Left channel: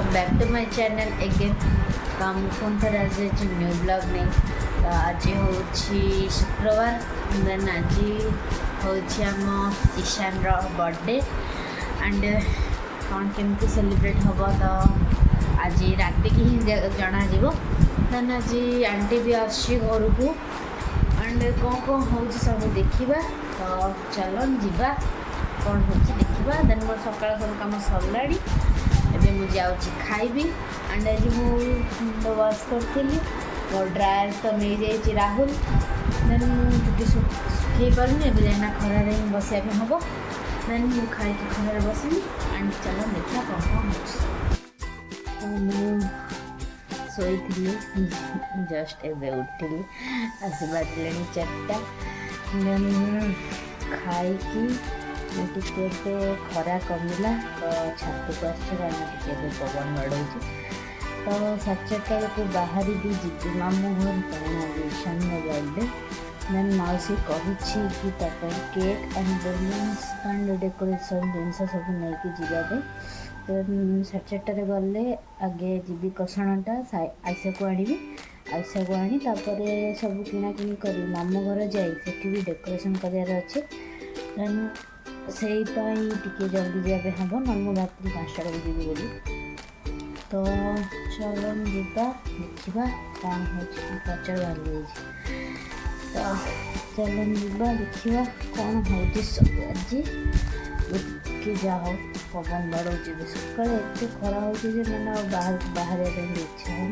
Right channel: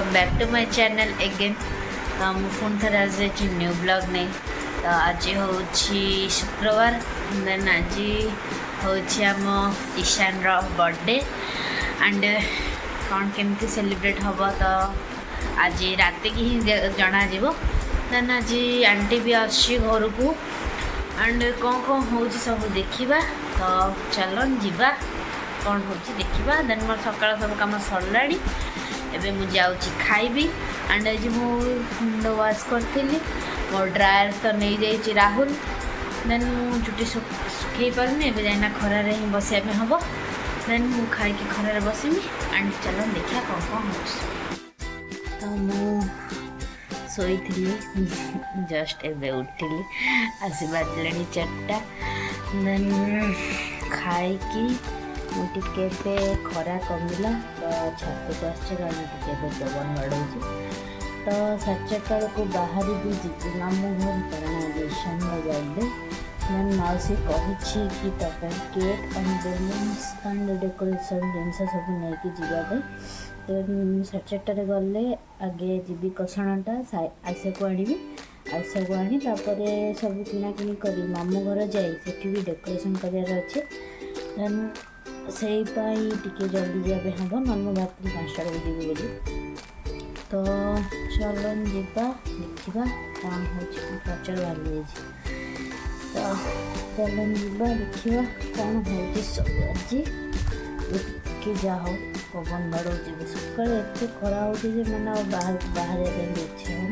Welcome back to my channel again. तो मुझे phone थे आज न्यू ब्लॉग नहीं। तो आज हूँ शुक्रवार, देन आज हूँ ईशान बर्थडे एंड कौन केमती सेलिब्रेट हम तो आज रात की ही जना देन आज आंटी भी आसी घर को एंड कौन कौन हो सब देखा। तो चलो जीवा कौन हो देखा। देन मोर सकाल सब कम सरला एबे मुझे जाऊँगी खाइबी एंड आज मुंड वाश करी मोर ड्रायर तो नहीं जाइए राहुल। देन मु चुटी सुखई पारनी एबे जाइना खरार ही बसिया पे हम। देन मु खाई खरार बसमी एंड चलो देखा कौन कौन हो। तो मु सोई जस्ट एबे उठिली आसी बाजले 4टा। देन खाई मुझे खरा कमिला तो छात को आस पवन बढ़। तो 4:30 को बाहर भी जी मामू घर कारण ईशान बर्थडे। देन मौसी कही कि cake and balloons and decoration जिन सब नहीं जावाई। देन 4:30 गले आगे जी कसणाटा आइसा को आनी आइसा को आनी सब किणाकिणी कर मामू घर जाए भी डेकोरेशन करार अच्छे। देन से टे जल्दी जाए हम नॉर्मल बात 5टा को जी बोली। तो चलो जीवा देखा कौन हो प्रचार बाहरी। तो चलो जीवा देखा कौन हो सब आज के जाओ पवन बढ़ सका एत खरा हो मैंने बाहर इच्छा हो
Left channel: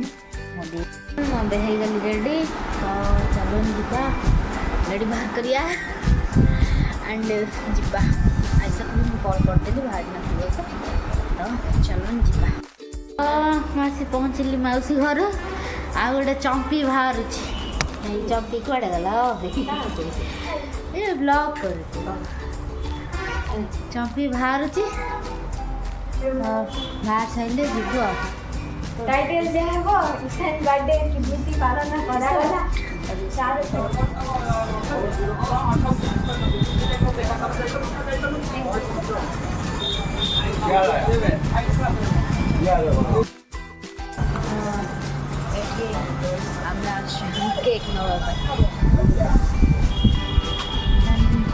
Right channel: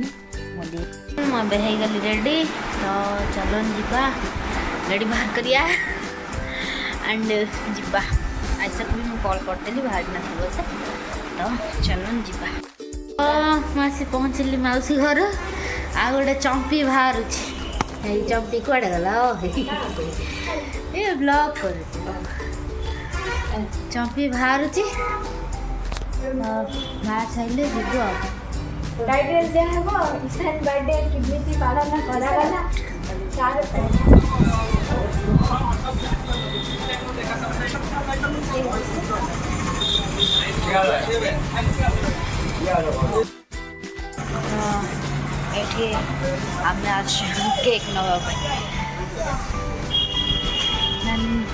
गली रेडी। तो चलो जीवा गाड़ी बाहर करिया एंड जीवा ऐसा भी मुझे कॉल करदेली बाहर ना से। तो चलो जीवा। आसी पहुँचली मौसी घर आ गोटे चंपी बाहर चंपी कड़े गला ये ब्लॉग कर चंपी बाहर बाहर सारे जीव बर्थडे केमी पालन करागला। केक नवा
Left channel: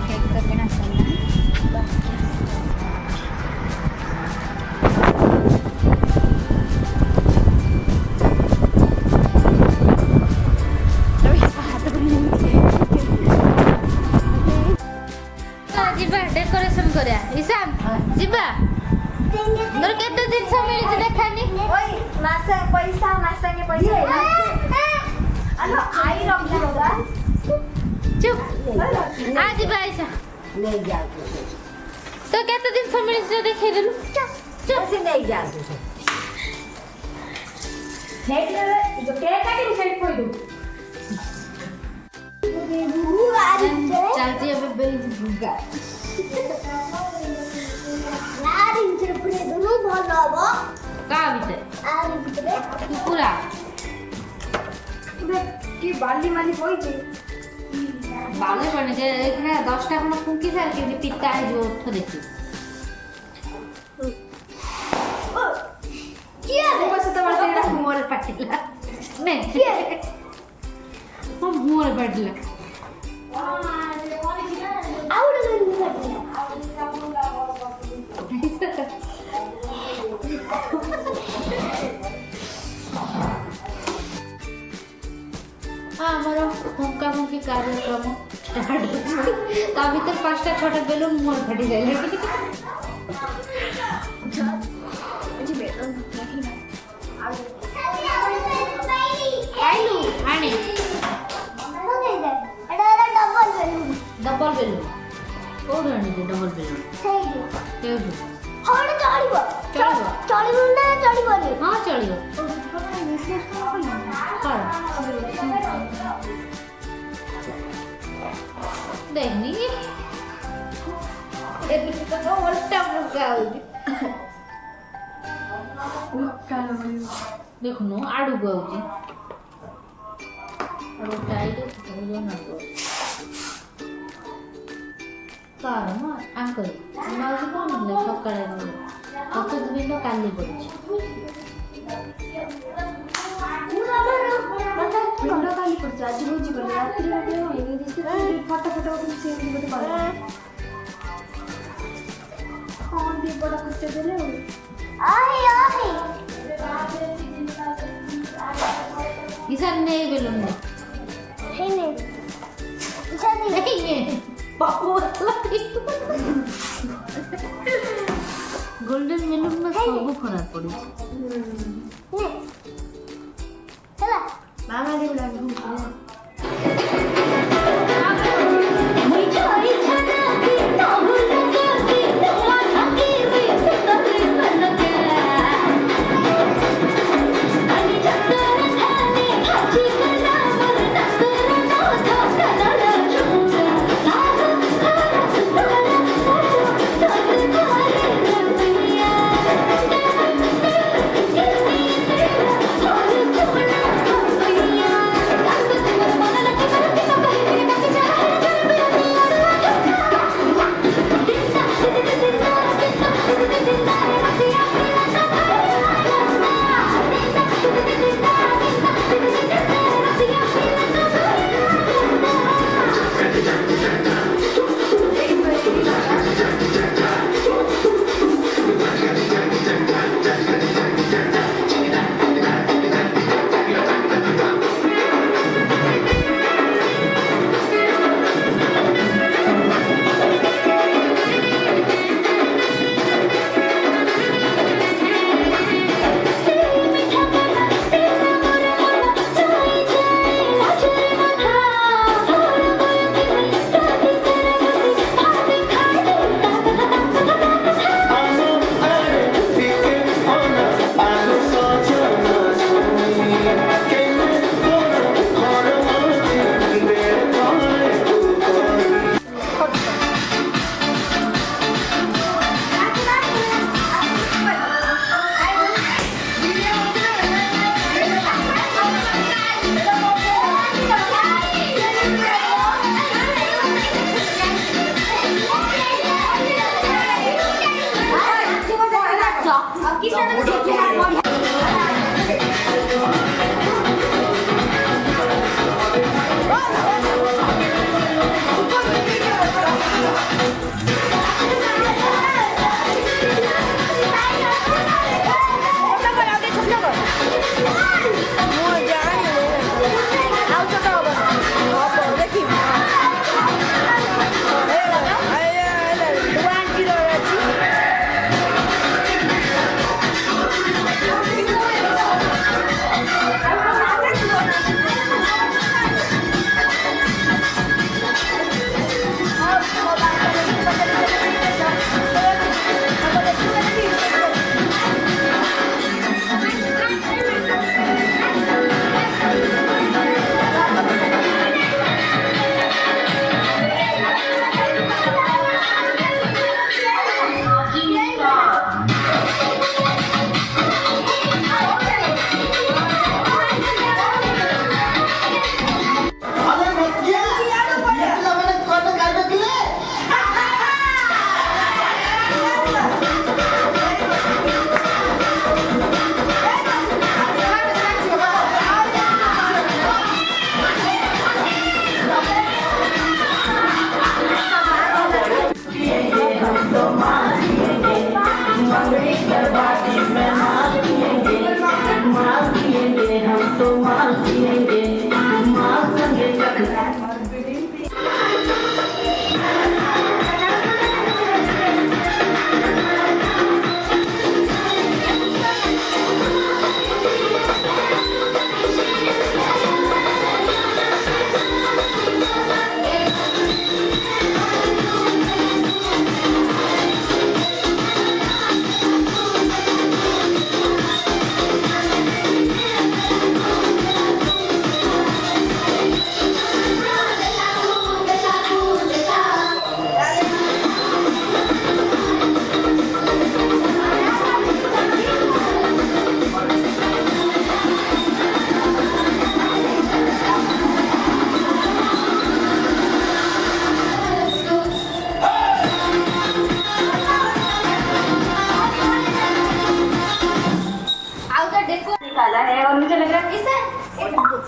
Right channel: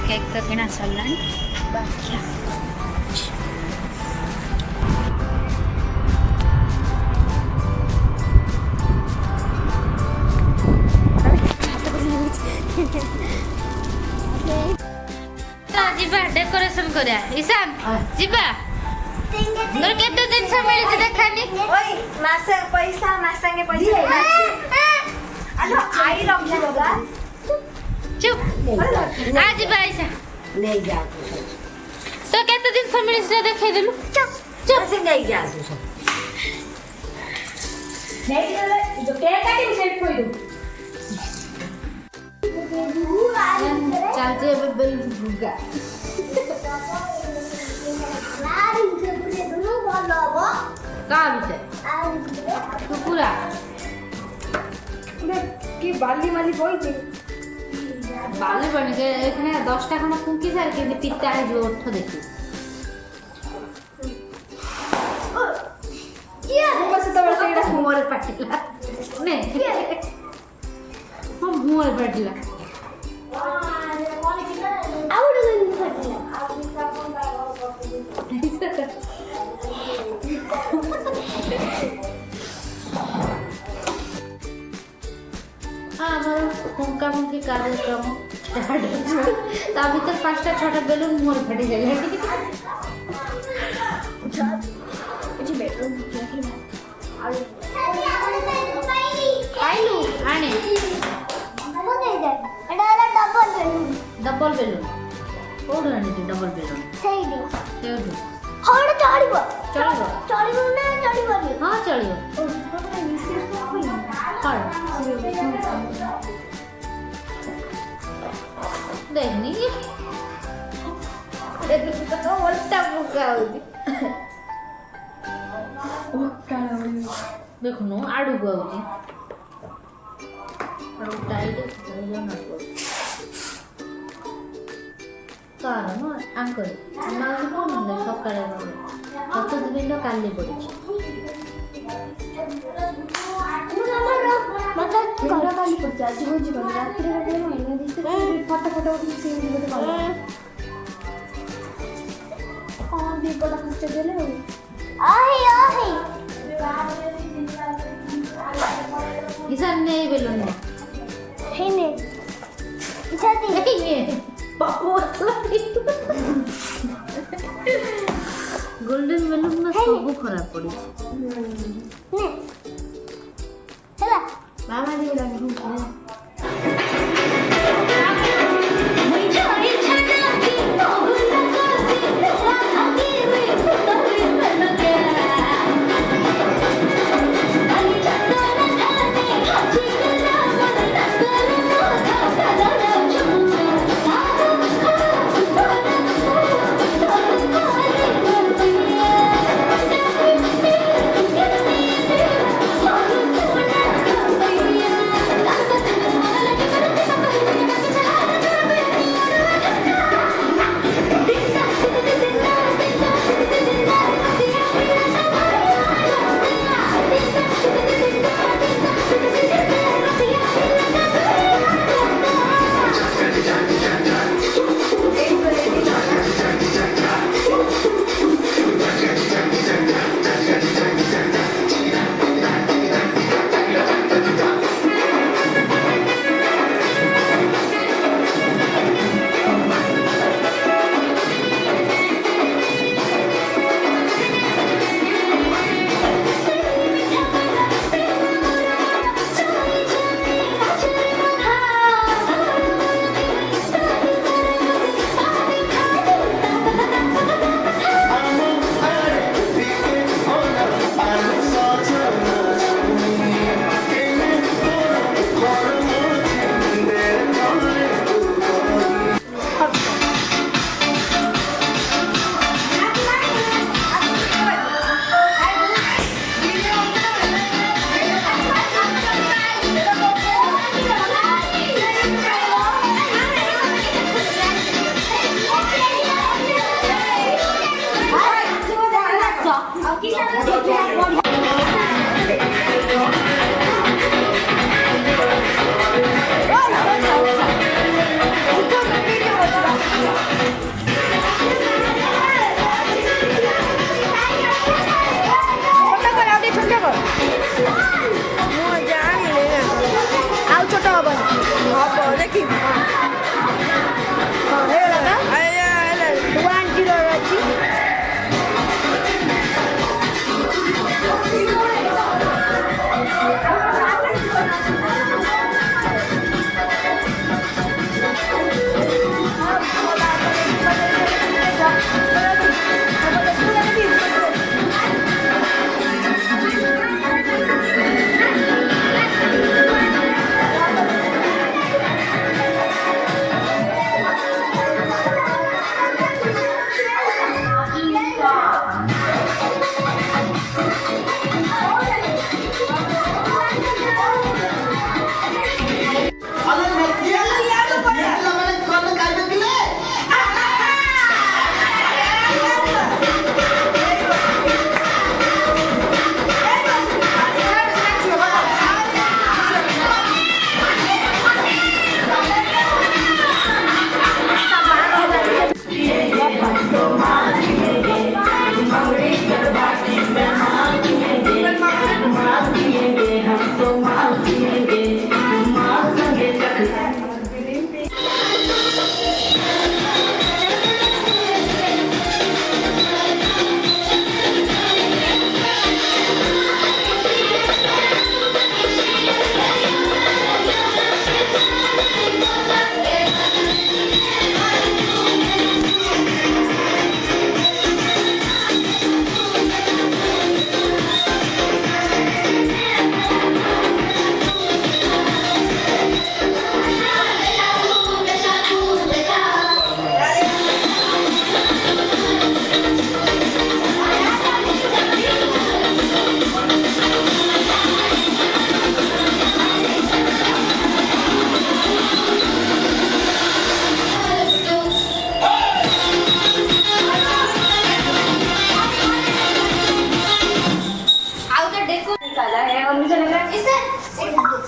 केक तो किना सरला बाकी डेकोरेशन करा ईशान जीवा तोर केते दिन से मिली देखानी ओई मासे पैसा मासंगे पैसा आलो आई रखी बाबा चुप आज पैसा ले जा तो केते दिन से मिली से देखै देलु चुप चुप से नहीं जा तू नहीं जो केक काटी सेट कोई दू चाची अब बेल गुगा कुकुरा कि बाली माली पड़ी बाली बने के एखने 10टा खन फुंकी सार के पिता है जो उठ देखी किया बस तो बस मोर पटला नहीं हम मोर पटला आउड गली पटला हमारा फुंका फुंकी कार्यक्रम भर 5टा 6टा बेलून मोर फटी जाए आने डबल बेलून कौन आनी डबल बेलून हाँ चलो देखनी देखो आड़ू को कारण आंकल सकाल प्रतिदिन काली पड़ी ଆଜି ଭୋଜି କଲି ରାତିରେ ଫଟୋ ଫଟୋ ଉଠିକି ବୋଧେ କଲେ ହଁ ଦୀପଟା ଖର୍ଚ୍ଚ ଦେଲେ ଇସାନ ନେଇ ବେଲୁନ ହେଇନି ଗୋଲ୍ଡେନ ବେଲୁନ ନା ସବୁ ଖରାପ ପଡିଛି ମାମା ଦେଇଲାଣି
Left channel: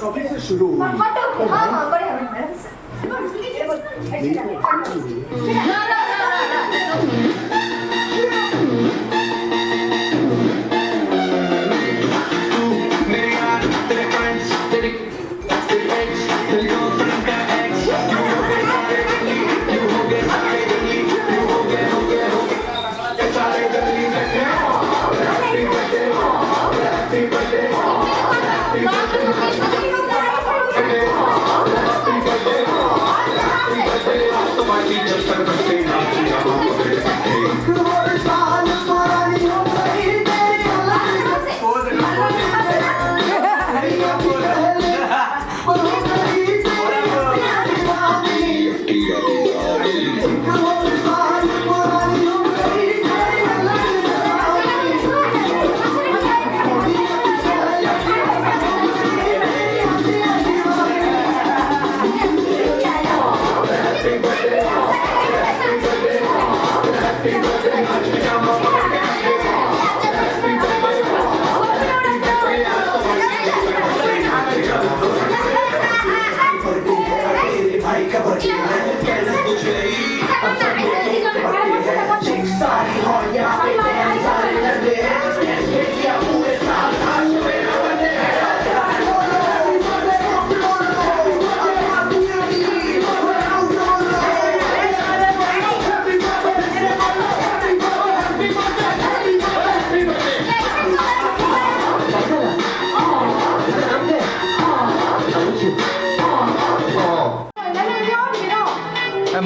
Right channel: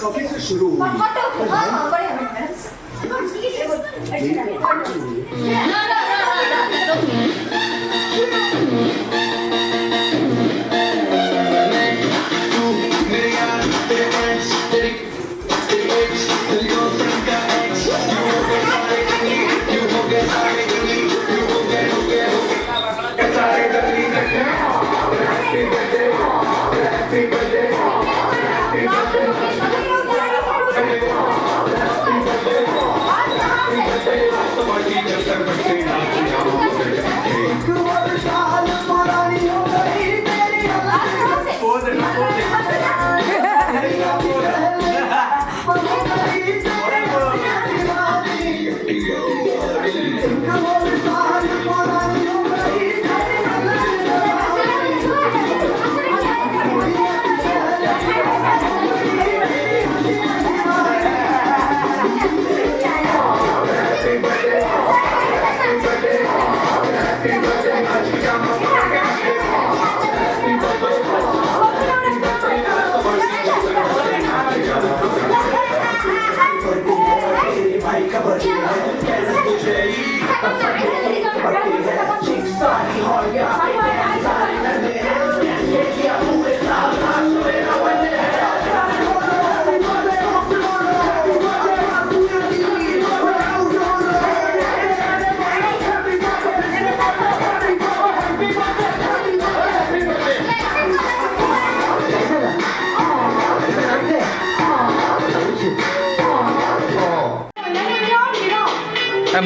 कॉफी से शुरू हुई।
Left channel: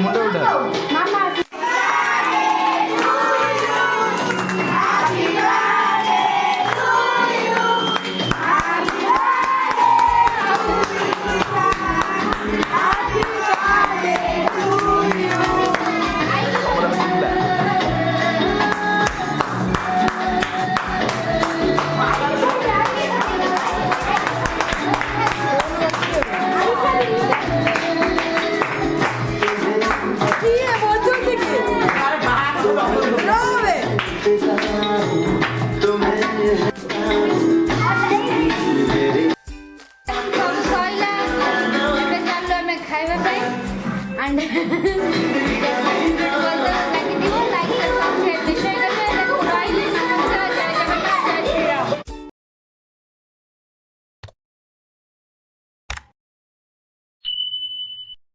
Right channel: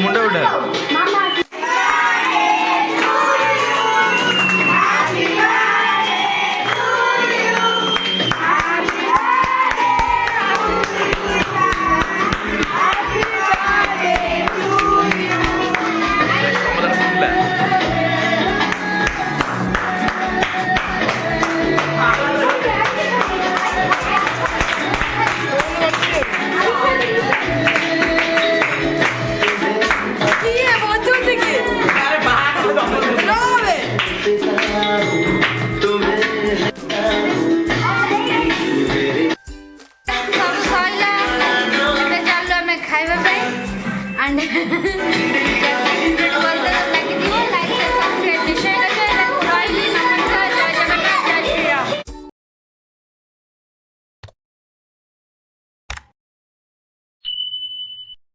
मुंडा उठा and